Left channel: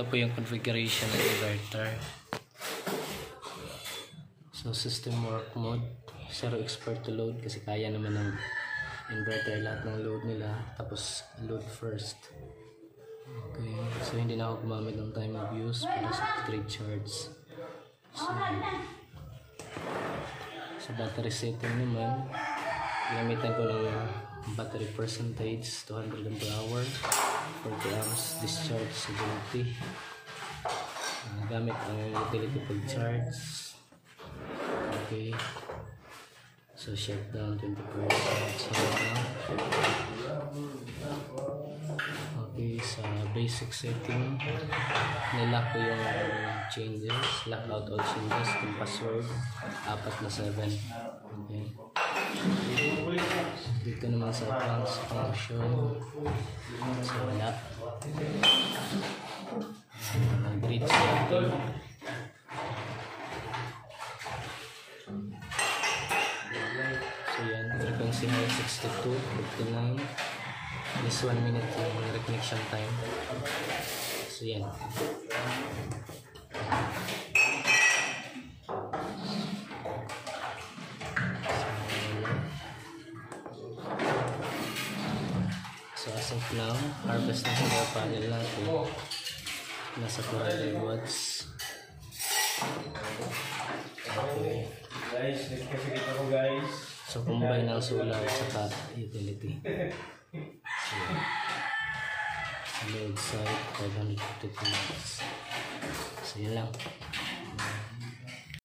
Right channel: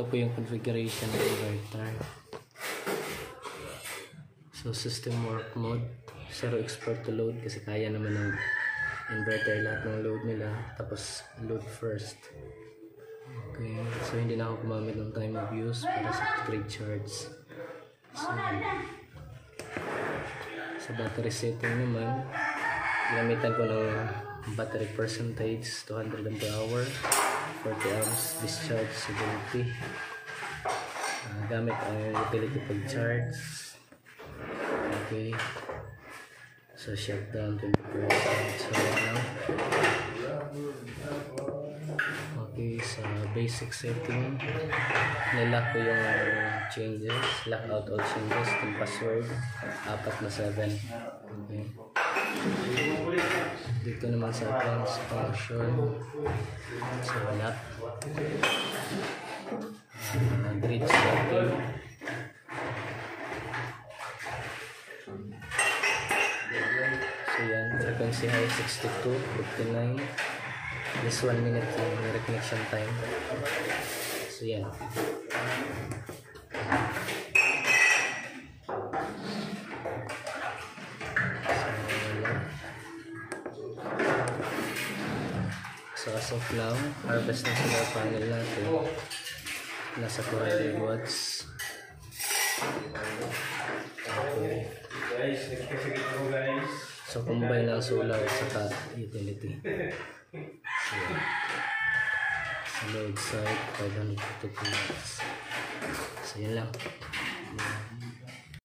Ito po yung configuration ng inverter. So system work mode, 0 expert to load kasi kaya naman ng inverter lahat ng load nila. Tapos load first. Okay, so hindi na ako gumamit ng time of use para sa grid charge. So battery setting naman, ginamitan ko ng battery percentage 200 ampere hour, 40 amps discharge stability. Gamit ang utility pag charge. Okay, so shutdown 20%. So now, okay, sa basic setting nilock ko yung changes, lock out all changes, yung password 4 na 7. Okay, dito naman sa advanced function, so lock, grid setting, so yan, frequency high 62, 59, this 1 minute yung reconnection time. So yan, so as of now, harvest ng solar panel natin nasa 200 watts. Okay, so combine ng solar at saka utility. So, sa load side 552 watts. So yun lang.